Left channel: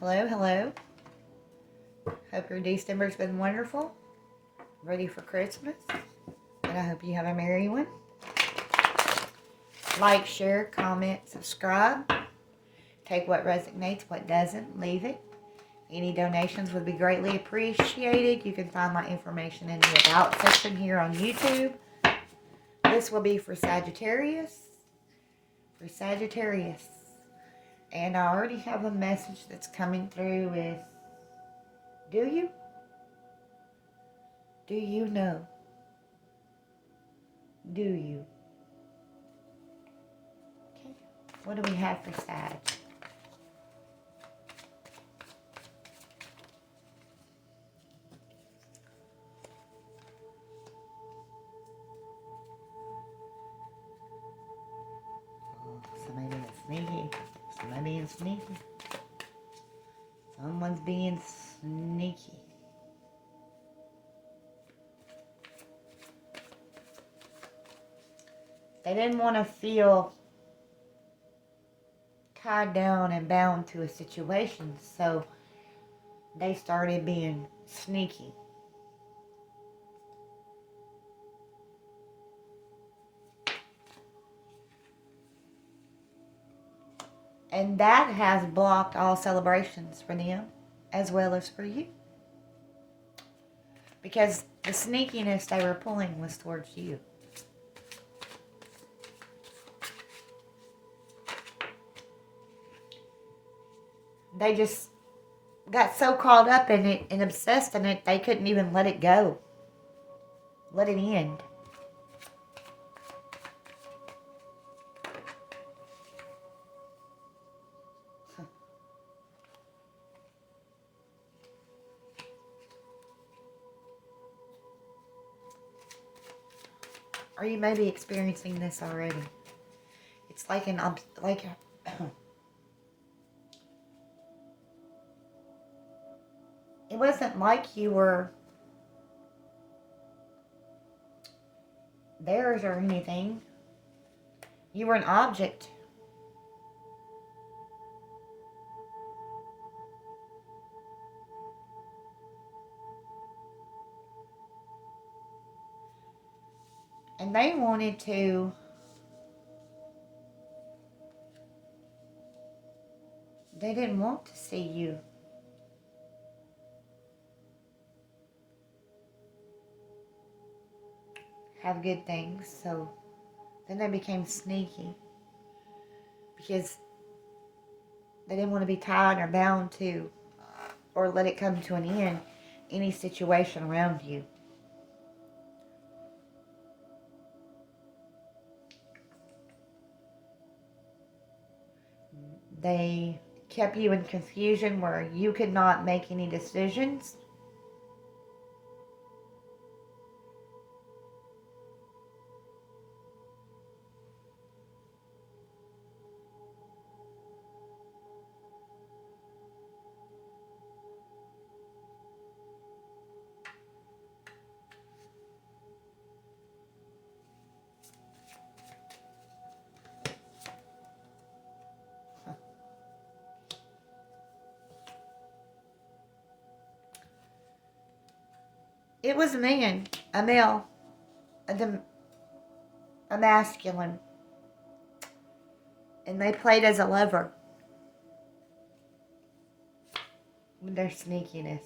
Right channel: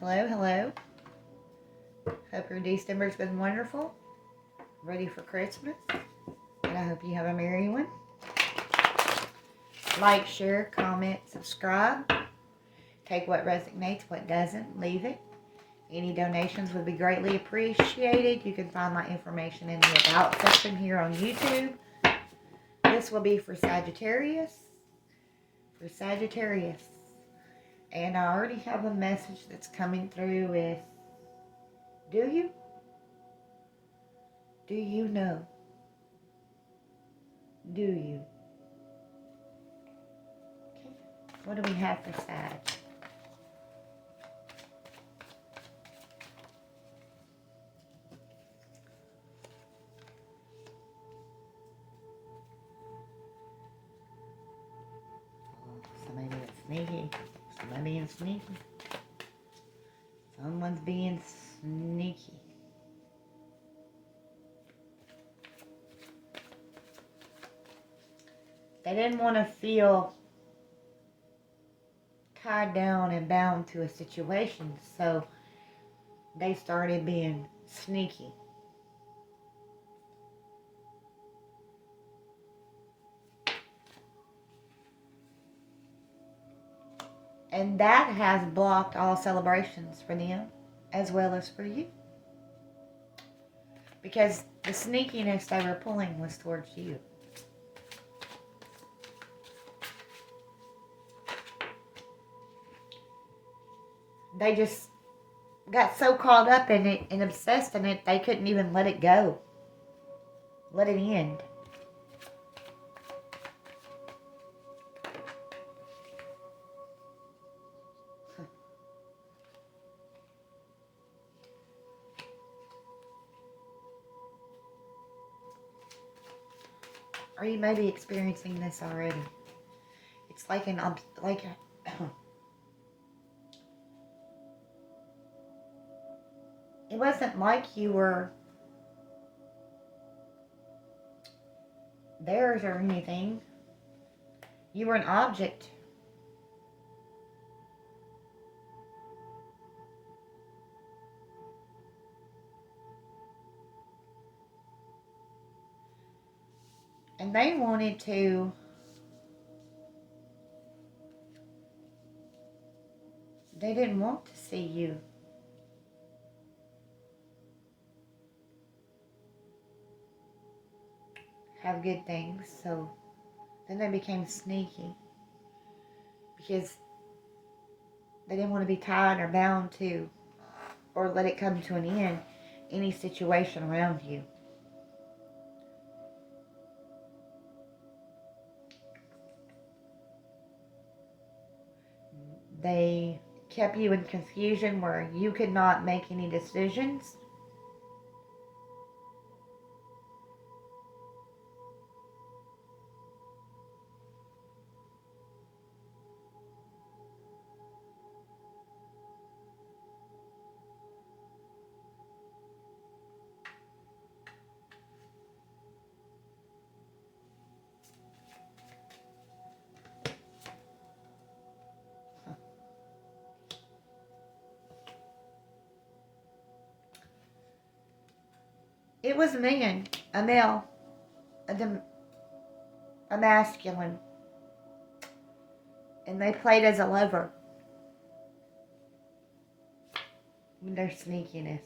Hello, hello. Hope your December's been wonderful. Ready for Christmas. And I hope you have a merry one. Like, share, comment, subscribe. Take what resonates, what doesn't. Leave it. Any donations would be greatly appreciated. You can find my information in the About section here on YouTube. This will be for Sagittarius. For Sagittarius. And I already have a message that's coming through with, do you? Do you know? Do you? Okay. What do we have for Sag? Somebody is sneaky. Somebody being sneaky. Someone's being sneaky. They didn't want to feel tied down and bound to a situation, so they started being sneaky. And that has blocked all celebrations for them, as well as for you. Because the sneakiness they were pulling was towards you. They just got so caught up in it and obsessed in it, they couldn't even let it go. Let it end. Or you may be experiencing this already. It's like it wasn't like you were theirs or anything. You were an object. And they wanted to they didn't want to see you have good things, so then they became sneaky because they didn't want to be tied or bound to or let it come to an end any situation around you. They kept you in confusion where you could not make any decisions. It was a man, a male, a masculine, and they played as a lover with their sneakiness.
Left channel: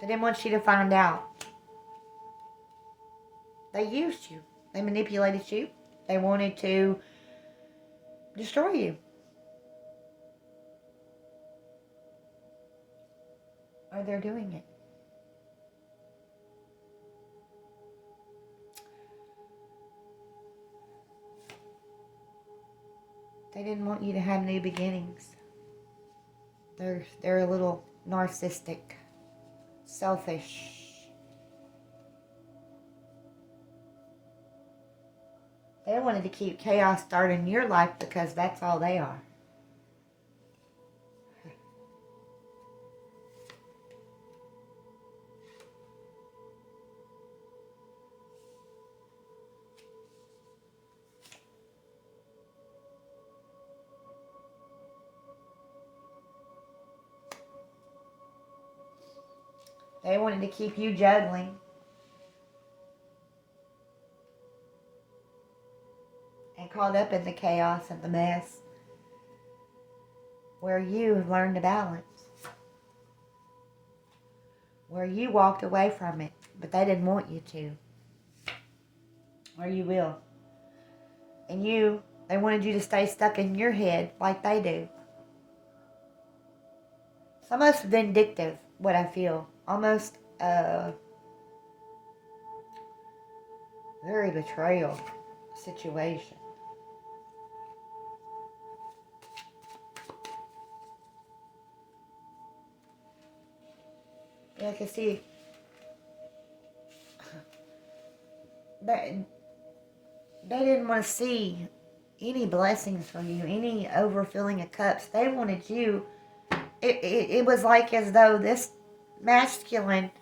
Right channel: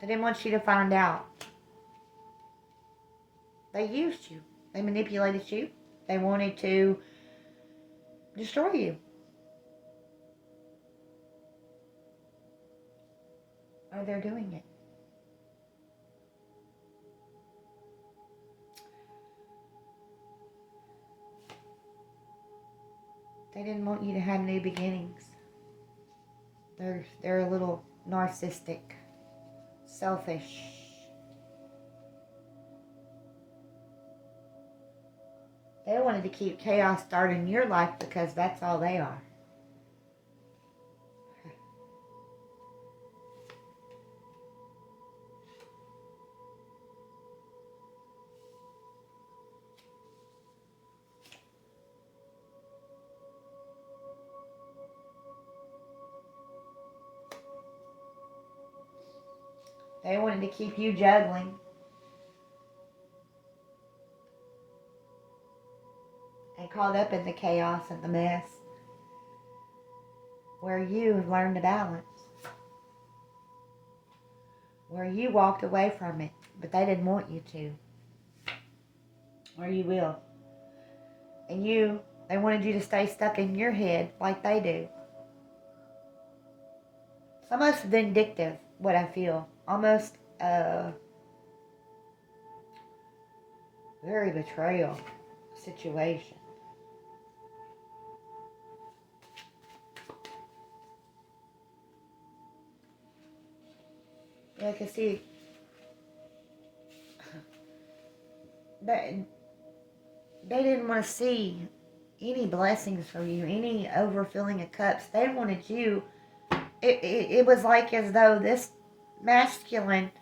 They didn't want you to find out. They used you. They manipulated you. They wanted to destroy you. Or they're doing it. They didn't want you to have new beginnings. They're a little narcissistic, selfish. They wanted to keep chaos started in your life because that's all they are. They wanted to keep you juggling. And caught up in the chaos and the mess. Where you learned to balance. Where you walked away from it, but they didn't want you to. Or you will. And they wanted you to stay stuck in your head like they do. It's almost vindictive, what I feel. Almost very betrayal situation. Yeah, I can see they didn't want to see any blessings for you, any overfilling of cups. They wanted you. It was like as though this masculine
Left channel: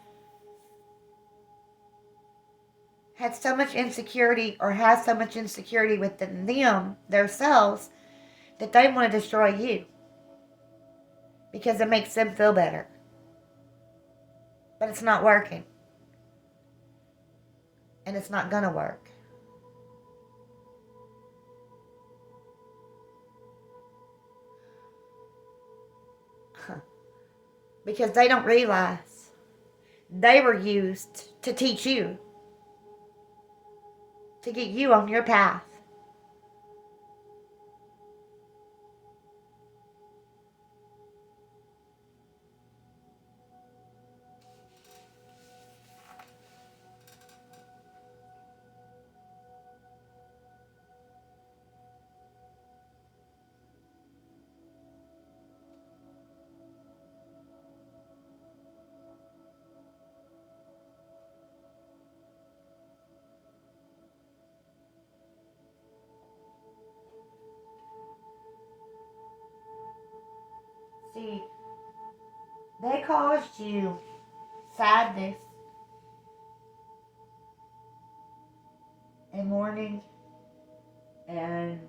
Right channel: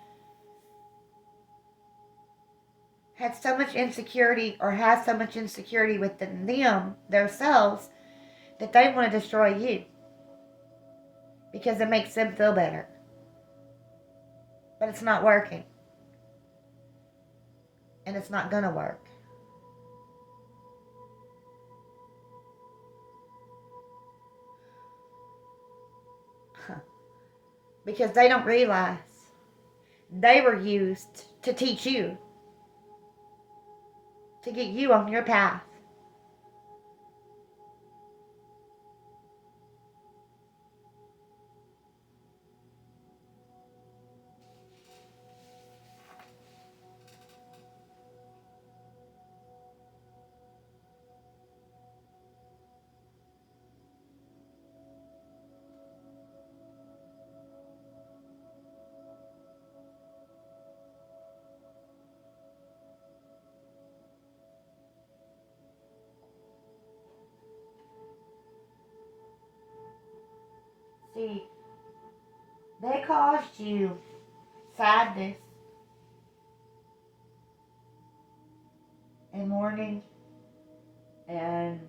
had so much insecurity or has so much insecurity within them, themselves, that they want to destroy you because it makes them feel better. But it's not working. And it's not going to work. Because they don't realize they were used to teach you. To get you on your path. See, they caused you sadness and mourning and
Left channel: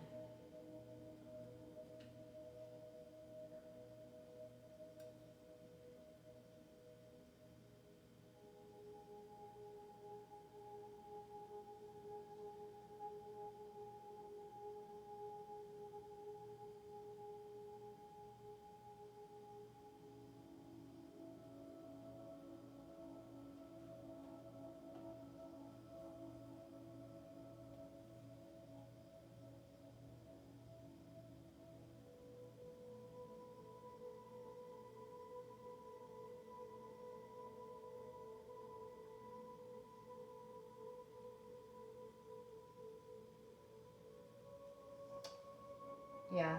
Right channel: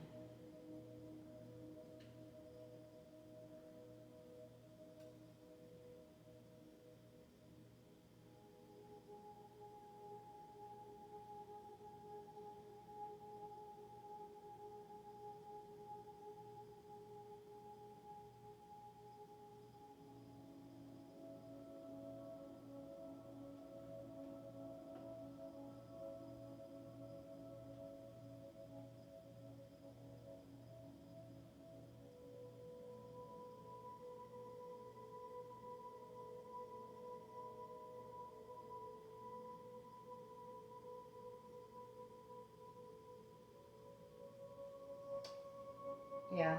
yeah.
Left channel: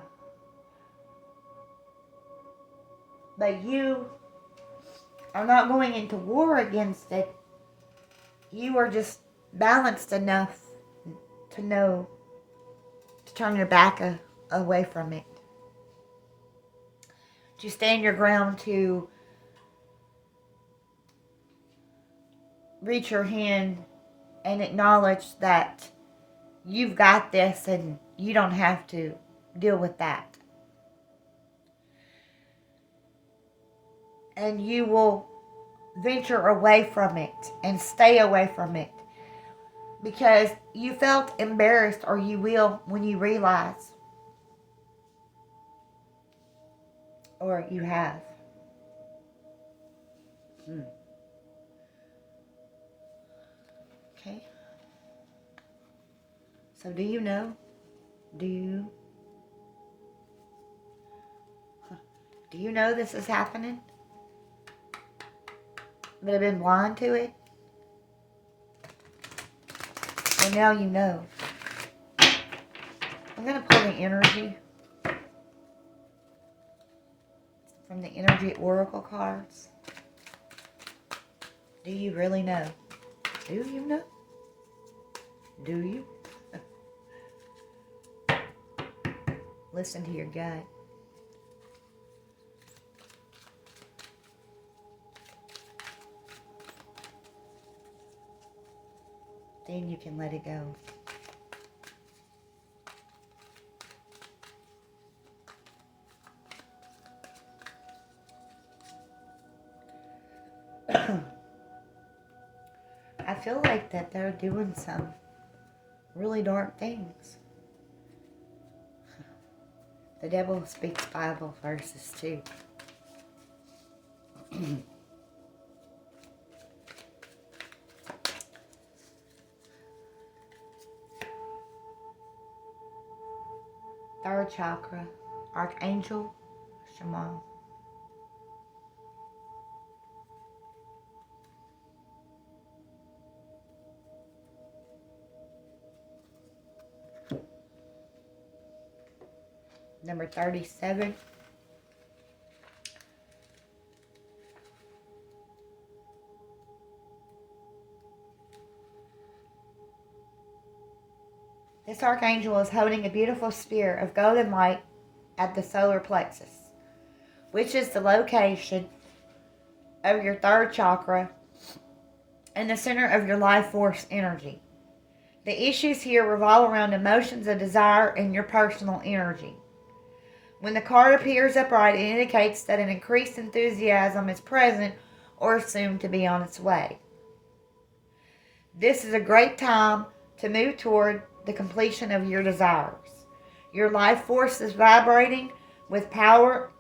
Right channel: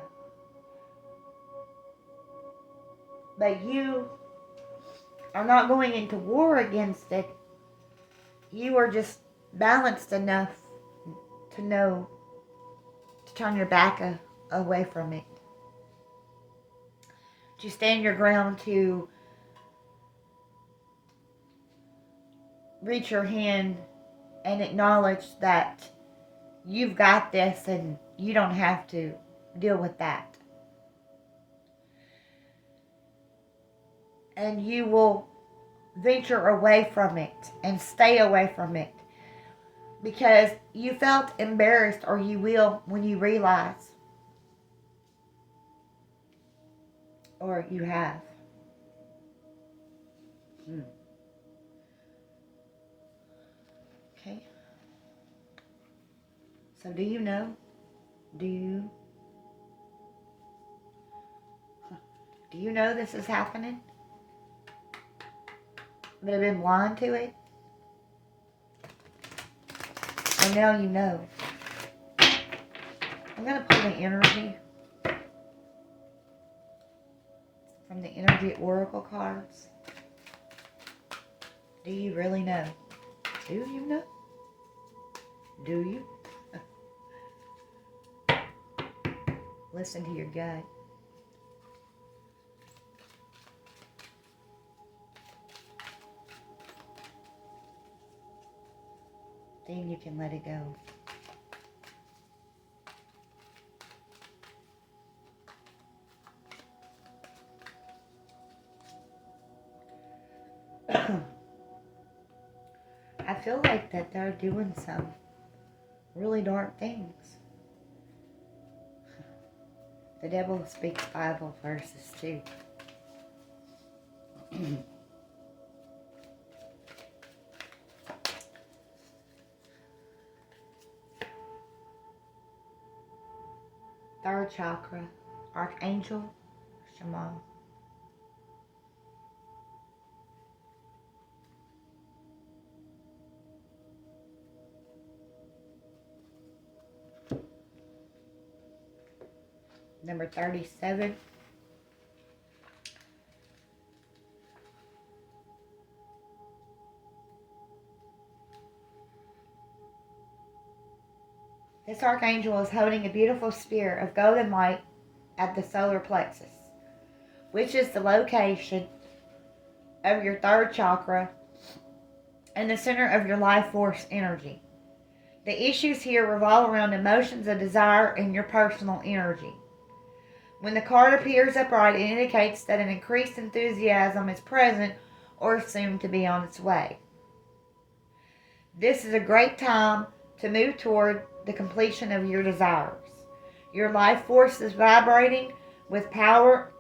But you are not going into war against it. You are just balanced enough to know to turn your back away from it. To stand your ground, to reach your hand and acknowledge that you've got this and you don't have to deal with that. And you will venture away from it and stay away from it because you felt embarrassed, or you will when you realize, or you have. Okay. So do you know? Do you know this is happening? That have been blind to it? And now you know. I'm going to pull the energy from the energy oracle cards. Do you really know? Do you know? Do you? Listen to your gut. Then you can let it go. feel like that they're doing some really dark things. The devil speaks Bible verses too. Third chakra, Archangel Shamal. Number 37. This archangel is holding a beautiful sphere of golden light at the solar plexus, which is the location of your third chakra and the center of your life force energy. The issues here revolve around emotions of desire and your personal energy. When the card appears upright, it indicates that an increased enthusiasm is present or soon to be on its way. This is a great time to move toward the completion of your desires. Your life force is vibrating with power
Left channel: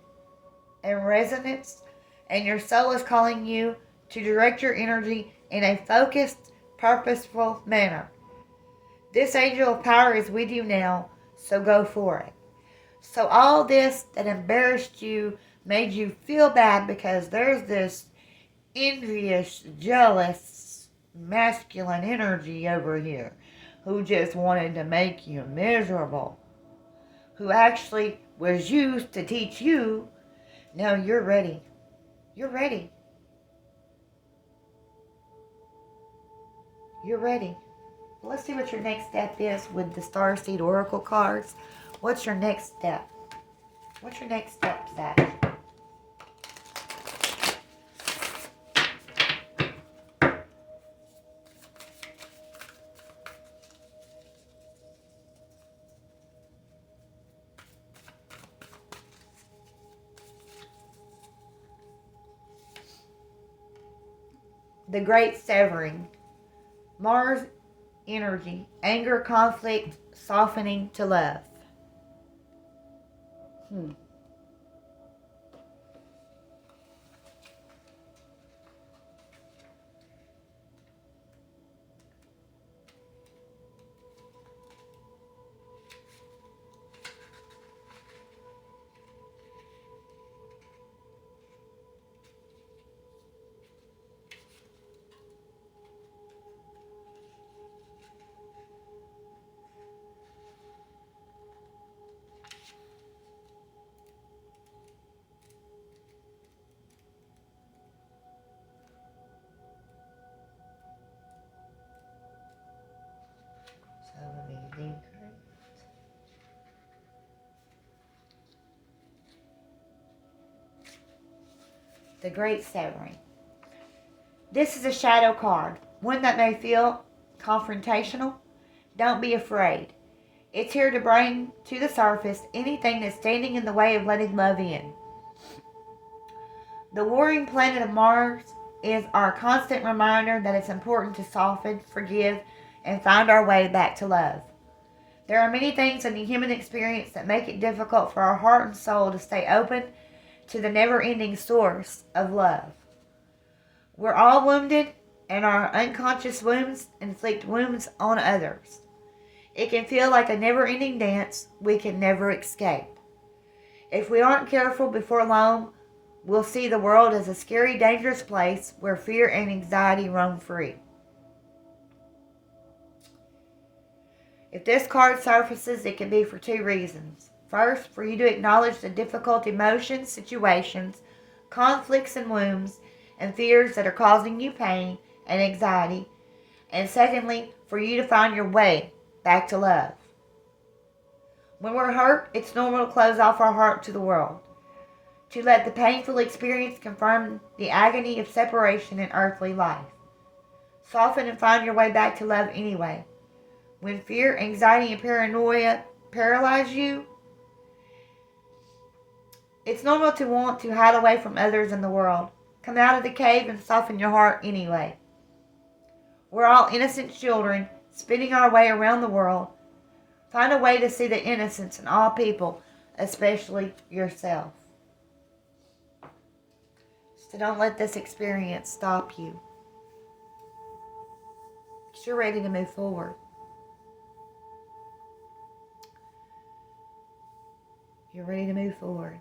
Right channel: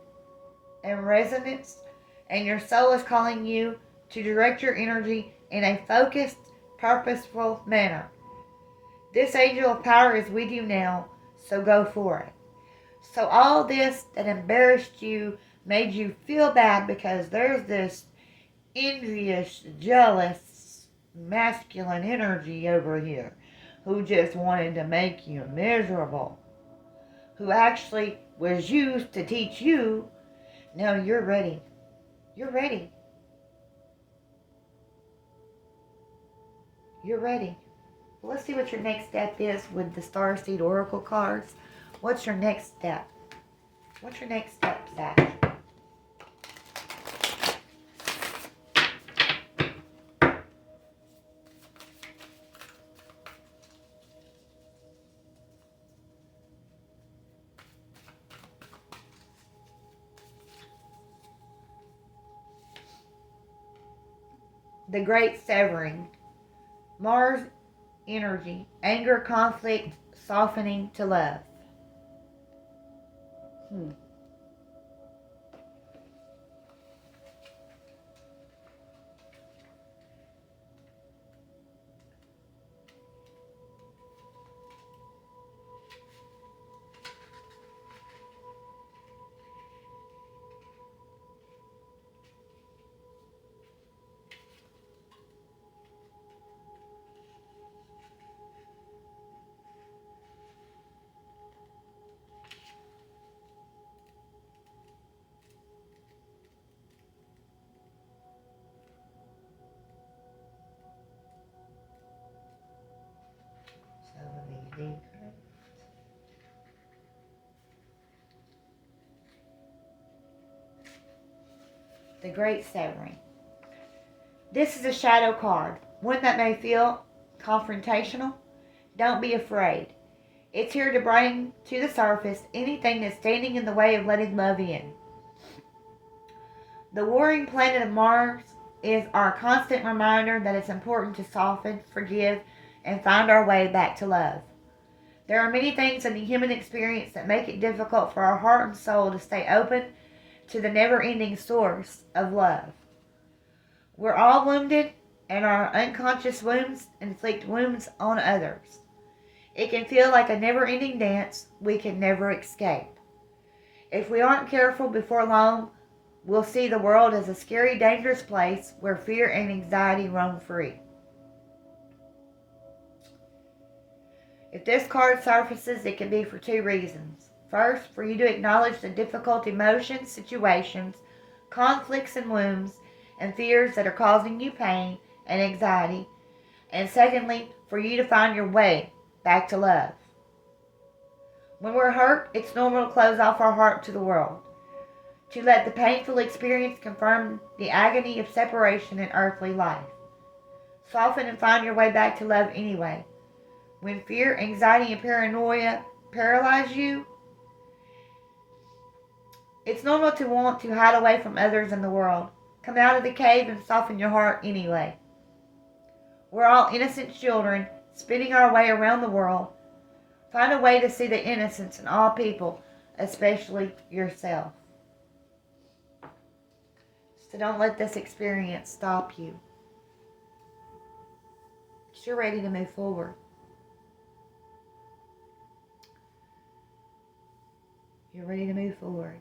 and resonance, and your soul is calling you to direct your energy in a focused, purposeful manner. This angel of power is with you now, so go for it. So all this that embarrassed you, made you feel bad because there's this envious, jealous, masculine energy over here who just wanted to make you miserable, who actually was used to teach you. No, you're ready. You're ready. You're ready. Well, let's see what your next step is with the Starseed Oracle cards. What's your next step? What's your next step, Sag? The Great Severing. Mars energy. Anger, conflict, softening to love. So let me read. The Great Severing. This is a shadow card, one that may feel confrontational. Don't be afraid. It's here to bring to the surface anything that's standing in the way of letting love in. The warring planet of Mars is our constant reminder that it's important to soften, forgive, and find our way back to love. There are many things in the human experience that make it difficult for our heart and soul to stay open to the never-ending source of love. We're all wounded, and our unconscious wounds inflict wounds on others. It can feel like a never-ending dance we can never escape. If we aren't careful, before long, we'll see the world as a scary, dangerous place where fear and anxiety roam free. If this card surfaces, it can be for two reasons. First, for you to acknowledge the difficult emotions, situations, conflicts, and wounds, and fears that are causing you pain and anxiety. And secondly, for you to find your way back to love. When we're hurt, it's normal to close off our heart to the world, to let the painful experience confirm the agony of separation in earthly life. Soften and find your way back to love anyway. When fear, anxiety, and paranoia paralyze you, it's normal to want to hide away from others in the world. Come out of the cave and soften your heart anyway. We're all innocent children spinning our way around the world. Find a way to see the innocence in all people, especially yourself. So don't let this experience stop you. You're ready to move forward. You're ready to move forward.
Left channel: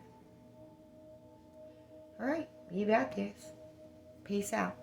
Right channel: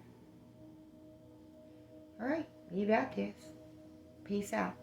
All right, you got this. Peace out.